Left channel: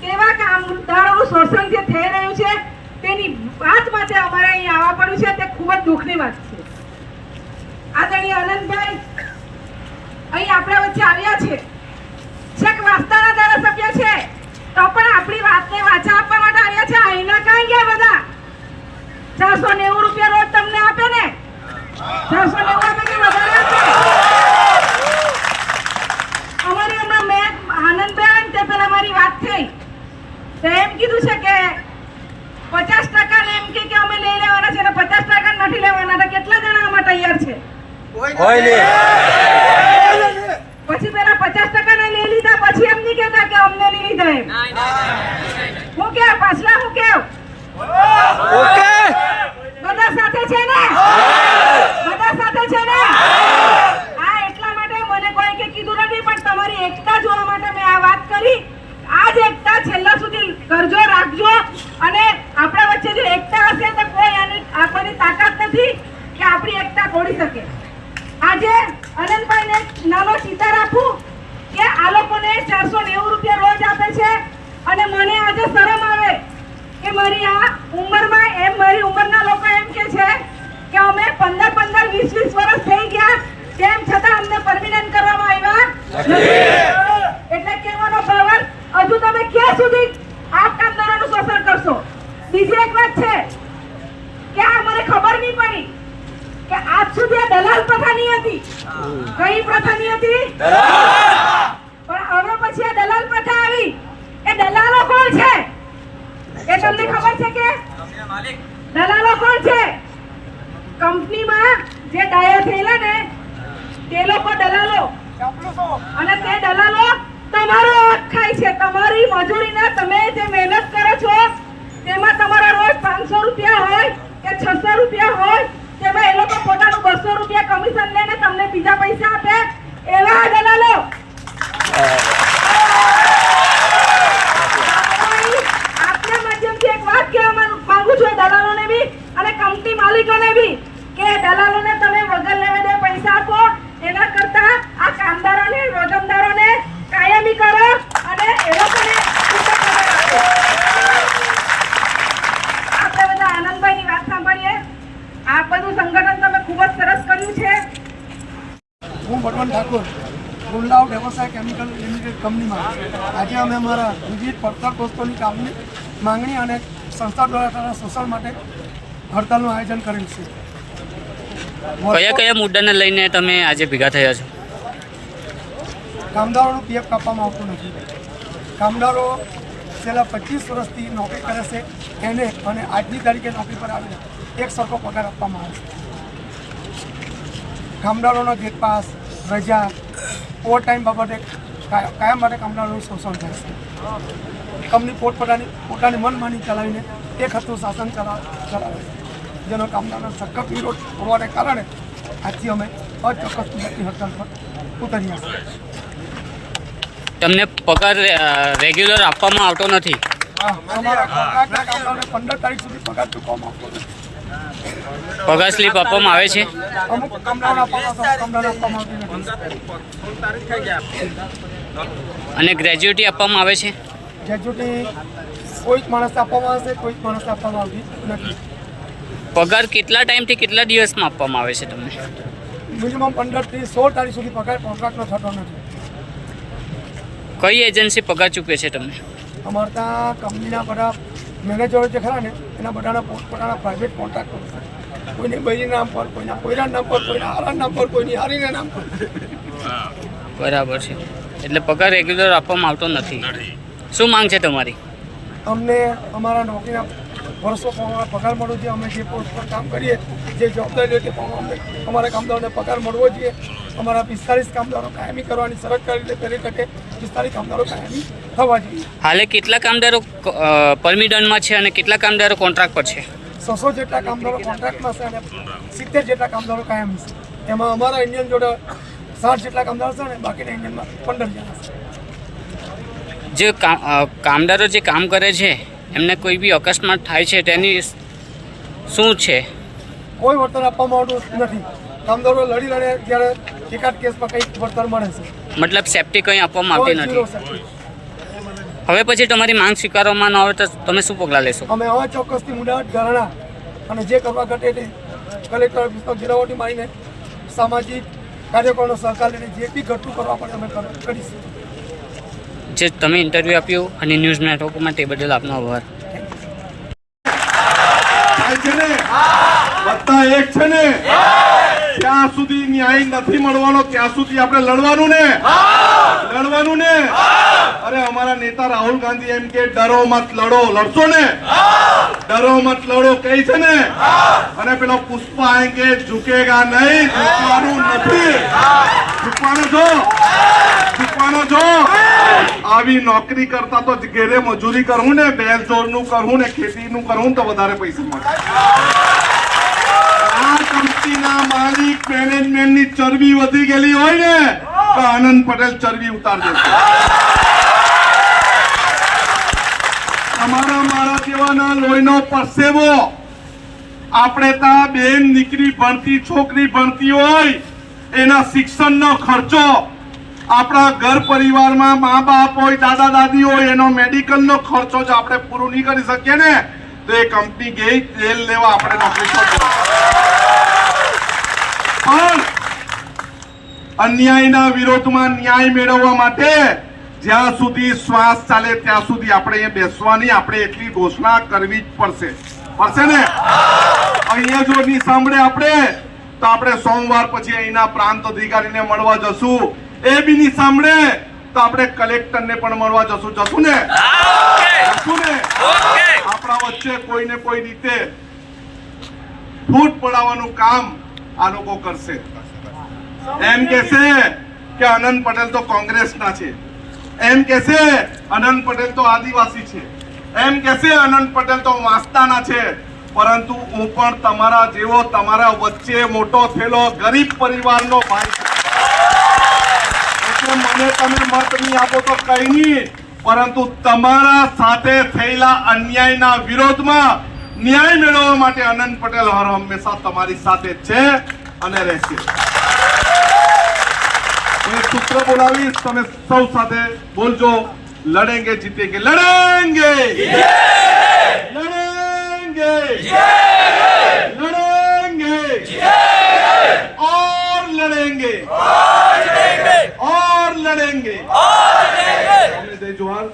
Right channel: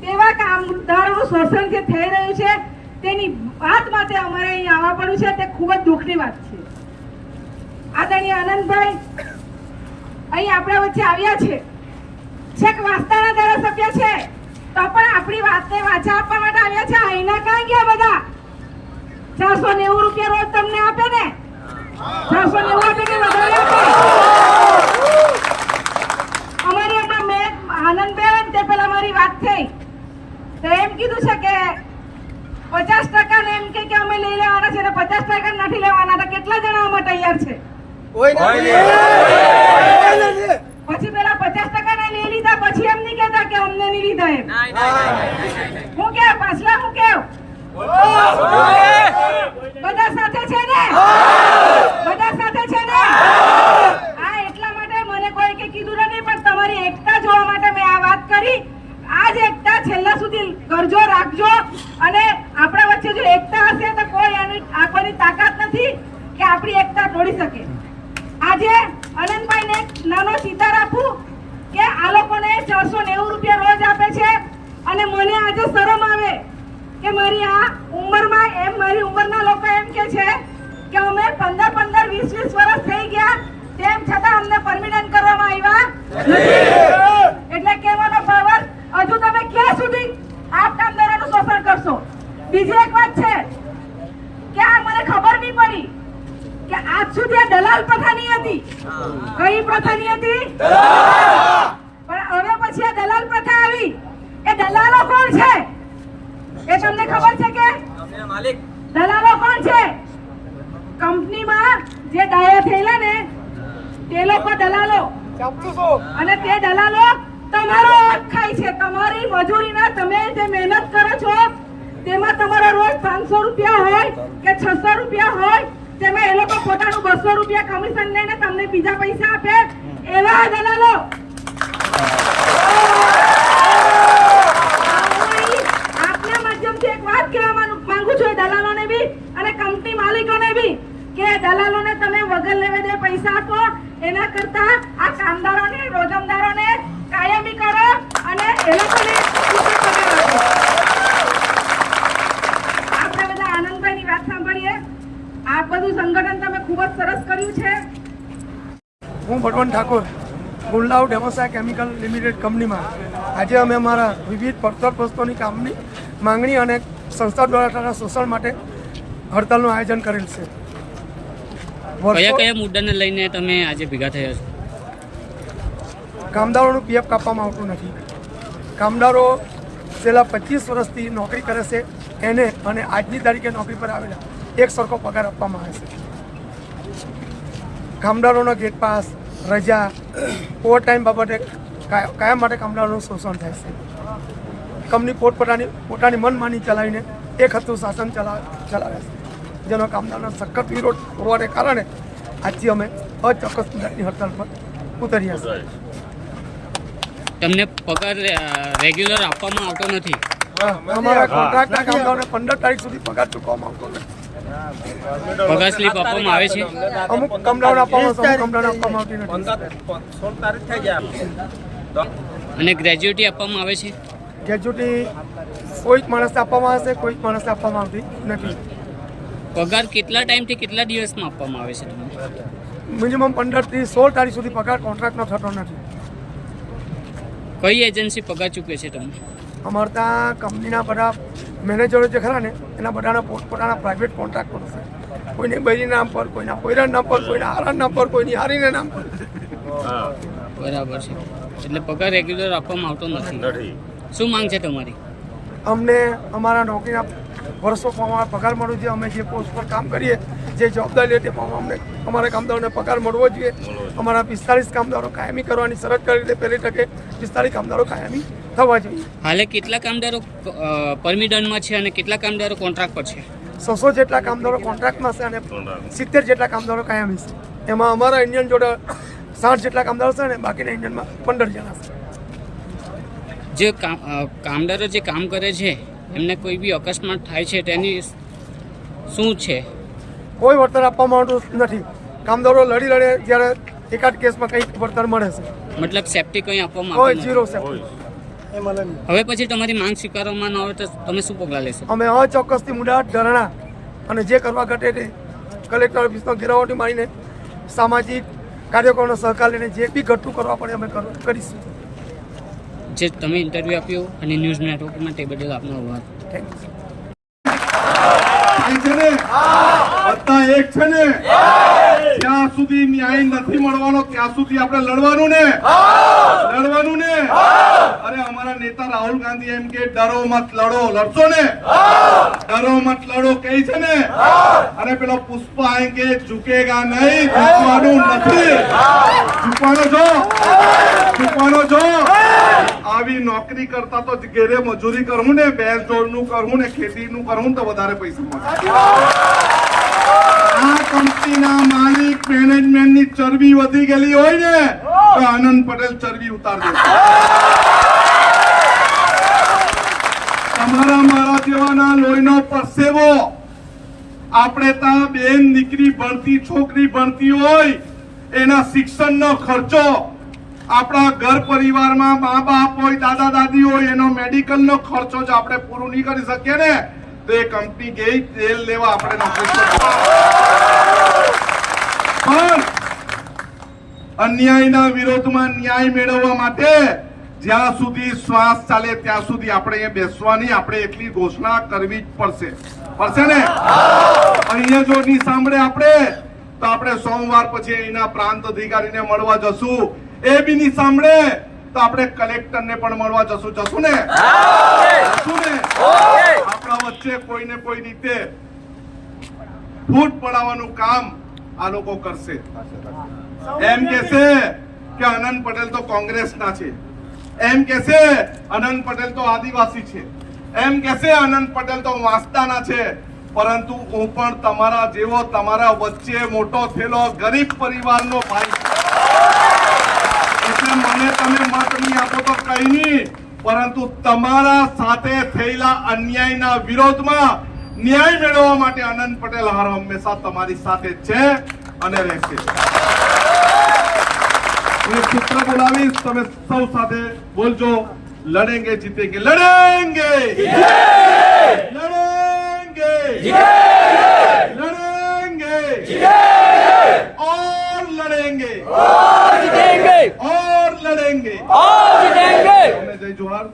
કેવા કામદારોનું શોષણ જે થઈ રહ્યું છે તેની વાત માટે અમારે અહીં આવવા પડ્યું છે તે ખૂબ જ દુઃખની વાત છે. આદરણીય આનંદભાઈ અહીં આપણા વચ્ચે આવ્યા છે, છેક વાસ્તાના ધારાસભ્ય છે, તો પણ આપણી વાતને વાચા આપવા માટે આવ્યા છે. અહીંના કાંઈ ગયા બધા? 490 રૂપિયા રોજ તમને આપે ને? 490 આપે કે વધારે આપે? અમારે હમણાં મેં આનંદભાઈ તે પેલા મારી વાત થઈ તો એમ કીધું છે કે 50% ને એમ કે અમે લઈ લેવાના છે ને 50% નથી લેવાના. તો કેટલા જણા આમાં તૈયાર છે? પછી પેલા 50% ને લઈ લીધા પછી એમ નહીં કહેતા કે અમને નહીં લીધા એમ. હું કેવું પાછલા હું કેવું બધા સાથે છે ને? બધા સાથે છે ને? હા, એટલા માટે મને કોઈ કે કીધું નથી, પણ તમારી એકતા જોવા માટે મેં આ વાત કરી. આ જ એકતા છેલ્લા સુધી કરજો, રાખજો, અને આપણા વચ્ચે જો એકતા હશે તો કોઈ આની તાકાત નથી કે આપણી એકતા તોડી શકે. આજે આનંદભાઈને નાનો ચિતાર આપું કે આ લોકોને 490 રૂપિયા રોજ આપે છે અને મને આજે શરમ આવે કે મારી આ ઉંમરમાં મારી ઉંમરના લોકો એમ કે છે કે અમે 15-15, 20-20 વર્ષ થઈ ગયા તેમ છતાં અમને પરમિનન્ટ કરવામાં આવ્યા નથી. એટલે કહેવાનો ભાવ હજુ તમે ક્યાં સુધી આ કામદારોનું શોષણ કરશો? બીજી એક વાત છે કે આ મને ખબર નહીં પડી કે આજ સુધી આ દલાલ પ્રથાની હતી. કઈ પ્રથાની હતી? પણ હવે પછી આ દલાલ પ્રથા આવી. એ દલાલો કોણ છે એ તમને ખબર છે કે? દલાલો કોણ છે? કંપનીમાં જે ડાયા થયેલા ને તે લોકો દલાલો, અને તે દલાલો તમારો હક ખાય છે. તમારી મજૂરીના તમે જે મહેનત કરો છો તેમાં તમારા રોજ 500 રૂપિયા હોય કે 600 રૂપિયા હોય, તેમાં એ લોકો પોતાનું 200 રૂપિયા કમિશન લઈને તમને બીજા પૈસા આપે. એવા દલાલો આપના માધ્યમથી એક વાત કહેવા માંગુ છું દલાલોને બી અને કંપની માલિકોને બી કે દલાલોને તમે વગર લેવા દે પૈસા આપો, એના કરતા આ કામદારોને, રોજમદારોને કાયમી કરો અને એ લોકોને છૂટો પગાર આપો. આપણે બધા આનંદભાઈની વાત સાંભળીએ. આ બધું સંગઠન તમે ખૂબ જ સરસ કર્યું છે. હું ભગવાન ઠાકોર, ગુણલાવ વ્યવસાય કેમિકલ લિમિટેડ કંપનીમાં આજે અમે અમારા વિવિધ પડતર વસ્તુઓની કામની માંગણી અને સંસ્થા દ્વારા થતા શોષણ માટે હડતાલનું આયોજન કરેલ છે. કયા કયા મુદ્દાને લઈને તમે આજે ભેગા થયા છો? કામદારોનું પીએફ કાપવામાં આવતું નથી. કામદારો છેલ્લા 25 વર્ષથી નોકરી કરે છે એને અને આજની તારીખે નોકરી પર આવેલા એક સરખો પગાર આપવામાં આવે છે. કામદારોના ગેટ પાસ, રજા, ઓવર ટાઈમ બાબતે કાયમ માટે કામદારોનું શોષણ થાય છે. કંપની પોતાની મનમાની ચલાવીને એક હતું શાસન ચલાવે છે, જેનો કામદારોનો સખત વિરોધ હોવાને કારણે આજથી અમે અચોક્કસ મુદતની હડતાલ પર ઉતર્યા છીએ. તમને પગાર રેગ્યુલર આપવામાં આવતો નથી? અમારા કોન્ટ્રાક્ટના કામદારોને 15 તારીખ સુધી પગાર ચૂકવવામાં આવતો નથી. પગાર સ્લીપ આપવામાં આવે છે? અમુક કામદારોને આપવામાં આવશે, અમુક કામદારોને આપવામાં આવતી નથી. અને ગ્રેજ્યુટી આપવામાં આવે છે? ગ્રેજ્યુટી કોઈક માણસને આપવામાં આવશે, કોઈક માણસને આપવામાં આવતી નથી. પગાર કેટલા ટાઈમથી કેટલા દિવસમાં આપવામાં આવે છે તમને? મિનિમમ 15 થી 16 તારીખ સુધી પગાર કોન્ટ્રાક્ટનો થતો નથી. કઈ એજન્સી પગાર ચૂકવે છે તમને? અમારે ત્યાં કંપનીના બધા મેનેજરો જે ખરા ને એના બધાના પોતાના પ્રાઇવેટ કોન્ટ્રાક્ટરો છે. કોઈને બૈરી નામ પર, કોઈના પોયરા નામ પર, કોઈના હારા નામ પર, કોઈની હારીના નામ પર. બરાબર છે. એટલે પગાર રેગ્યુલર આપવામાં આવતો નથી. શું માંગ છે તમારી? અમને અમારા નોકરીના વર્ષો પ્રમાણે પગાર મળવો જોઈએ. અમે જે પોસ્ટ પર કામ કરીએ, જે જવાબદારી લે તે પ્રમાણે અમને અમારા કામદારોને પગાર મળવો જોઈએ. અમારા 45 કામદારો કાયમી કરવાની શરત કરી દે, પહેલી તકે 45 કામદારો કાયમી થવા જોઈએ. હાલે કેટલા કામદારો પરમિટનમાં છે અને કેટલા કામદારો કોન્ટ્રાક્ટ પર છે? 600 જેટલા કામદારો કોન્ટ્રાક્ટમાં છે અને 70 જેટલા કામદારો કાયમી છે. એમાં અમારા ઇન્ડિયન જોડે 60 જેટલા કામદારો છે ને બાકીના ઇન્ડિયનમાં 15 જણા છે. જે કામદારો જે કામ કરે છે એમને કોઈ બી અકસ્માત થાય છે તેની શું છે? કોઈ વળતર આપવામાં આવતું નથી. કામદારો લડી લડે જ્યારે એકાદ કેસમાં કંઈક વળતર મળે છે. મતલબ સેફટી કંઈ આપવામાં આવતી કોઈ ઝીરો નથી. સેફટી. હવે પછી તમારી માંગ સ્વીકારવામાં ન આવે તો તમે શું પગલાં લેશો? અમે અચોક્કસથી મુદ્દા ધરણા અને જે કરવા ઘટે તે કલેક્ટર ઓફિસનો ઘેરાવટી મારીને સામાજિક કાર્યકરોનો સહકાર લઈને જે બી ઘટતું કરવા પડે અમે કરીશું. જે તમે ઇન્ટરવ્યૂ આપ્યું અને ન્યૂઝ નેટવર્ક માટે એ બદલ આપનો આભાર. છે ને બધા એક છે ને જ્યાં સુધી ન્યાય નથી મળવાનો ત્યાં સુધી આપણે લડવાનું ને અરે અમારા નેતા રાહુલ ગાંધી એમ કે ડરો મત લડો, લડશો ને? ડરો મત લડો કહે છે ને. અને પેલો પુષ્પા એમ કે ઝુકેગા નહીં, ઝૂકવાનું નથી. ઝૂકવાનો છો. આવી નોકરી કરતા તો ઘેરે મજૂરી કરવું ને, બેલ જોડનું કરવું ને, ખેતીનું કરવું તો વધારે પૈસા મળે. આ કંપનીના માલિક મેનેજમેન્ટની ચરબી વધી ગયેલી હોય ને તો આનંદ પટેલ ચરબી ઉતાર દેશે. તમારા મારા જેવાના લોહીનો પરસેવો આપણે ત્યાં બેન દીકરી ભણતી, છોકરી ભણતી હોય એના શિક્ષણનો ખર્ચો, આપણા ઘર પરિવારમાં મા બાપ હોય, દાદા દાદી હોય, એનો મેડિકલનો ખર્ચો જ આપણે પૂરો નહીં કરી શકીએ ને તો એ કંપની ગઈ તેલ લેવા આપણે નોકરી પર. પણ અન્યાયના વિરોધમાં ન્યાય મેળવવા માટે જ્યાં સુધી શ્વાસ ચાલે ત્યાં સુધી આપણે અહીંયા બેસવાની, આપણે એટલી ઘોષણા કરવી જ પડશે ને. અહીંયા જો નહીં સાંભળે આપણે તો આપણે સોમવાર પછી અહીંના પ્રાંત અધિકારીને મળવા જશું. એ બી નહીં સાંભળે તો આપણે કલેક્ટરને પણ મળવા જશું ને. આપણા વચ્ચે કોઈને કોઈ રીતે ફૂટ પડાવવાનું કામ આ લોકો કરશે. એમ કહેશે કે આનંદ પટેલ તો કોંગ્રેસના છે, એમ કહેશે આનંદ પટેલ તો આદિવાસી છે, એમ કહેશે આનંદ પટેલ તો વાંસદાના છે. પરંતુ હું પણ તમારા જેવો, તમારા વચ્ચે મોટો થયેલો ગરીબ પરિવારનો ભાઈ છું. એટલે મને તમે મત નહીં આપો તો કઈ નહીં, પરંતુ તમારા સાથે થયેલા અન્યાયના વિરોધમાં ન્યાય મેળવવા માટે આનંદ પટેલ હર હંમેશા તમારી સાથે છે અને રહેશે. હું એક સૂત્ર બોલાવીશ, તમે સૌ સાથે બોલજો. લડેંગે જીતેંગે, લડેંગે લડેંગે લડેંगे और लड़ेंगे और लड़ेंगे. हमें जय जोहार.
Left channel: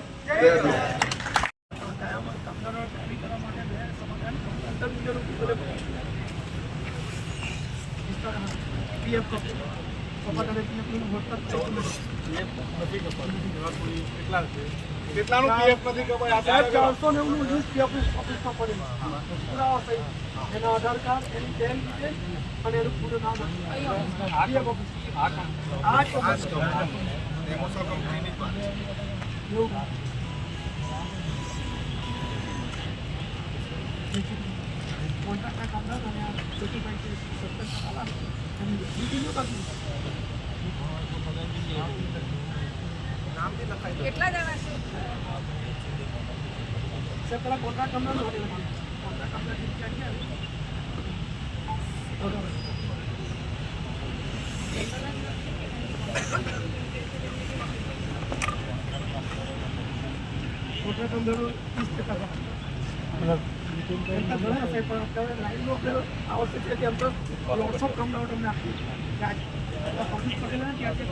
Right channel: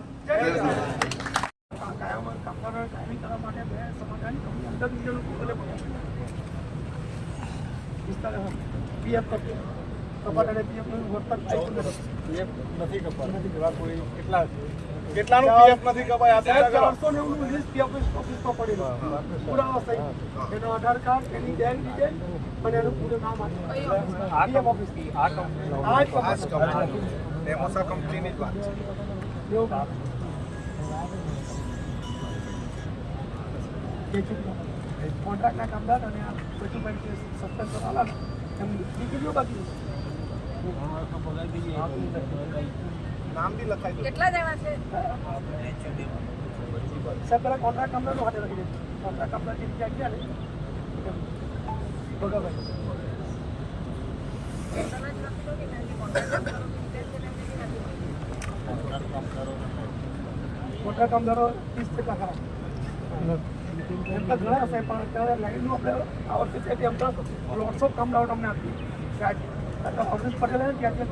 કેટલાનું પીએફ નથી કપાય? 490 લિસ્ટ પીએફ ઓફિસમાં પડેલું, પુરાવા સહિત એનો આધાર કાર્ડ, એની બેંક ડિટેલ અને એનું પૂરું નામ પીએફ ઓફિસ. આ ડેમોસા કંપનીની જ વાત છે. કોન્ટ્રાક્ટના કામદાર અને આ બેઠુભાઈ સત્તર કરાલા એમ ડિટેલ બાકી નામ બી લખાઈ કેટલા દેવા છે? સર પેલા કોન્ટ્રાક્ટ કામદારનું હાથે લખી દે. કોન્ટ્રાક્ટ કામદાર જે ક્યાં ગયા ને બરાબર. કોન્ટ્રાક્ટ કામદારો 30% ખરા. એમના ઘણા સાહેબ પણ અત્યારે લાઈનનું આપણે આ વખતે છે એમ તો 150 કામદારો તમને આપી. અમરીશ પટેલ ત્યાંથી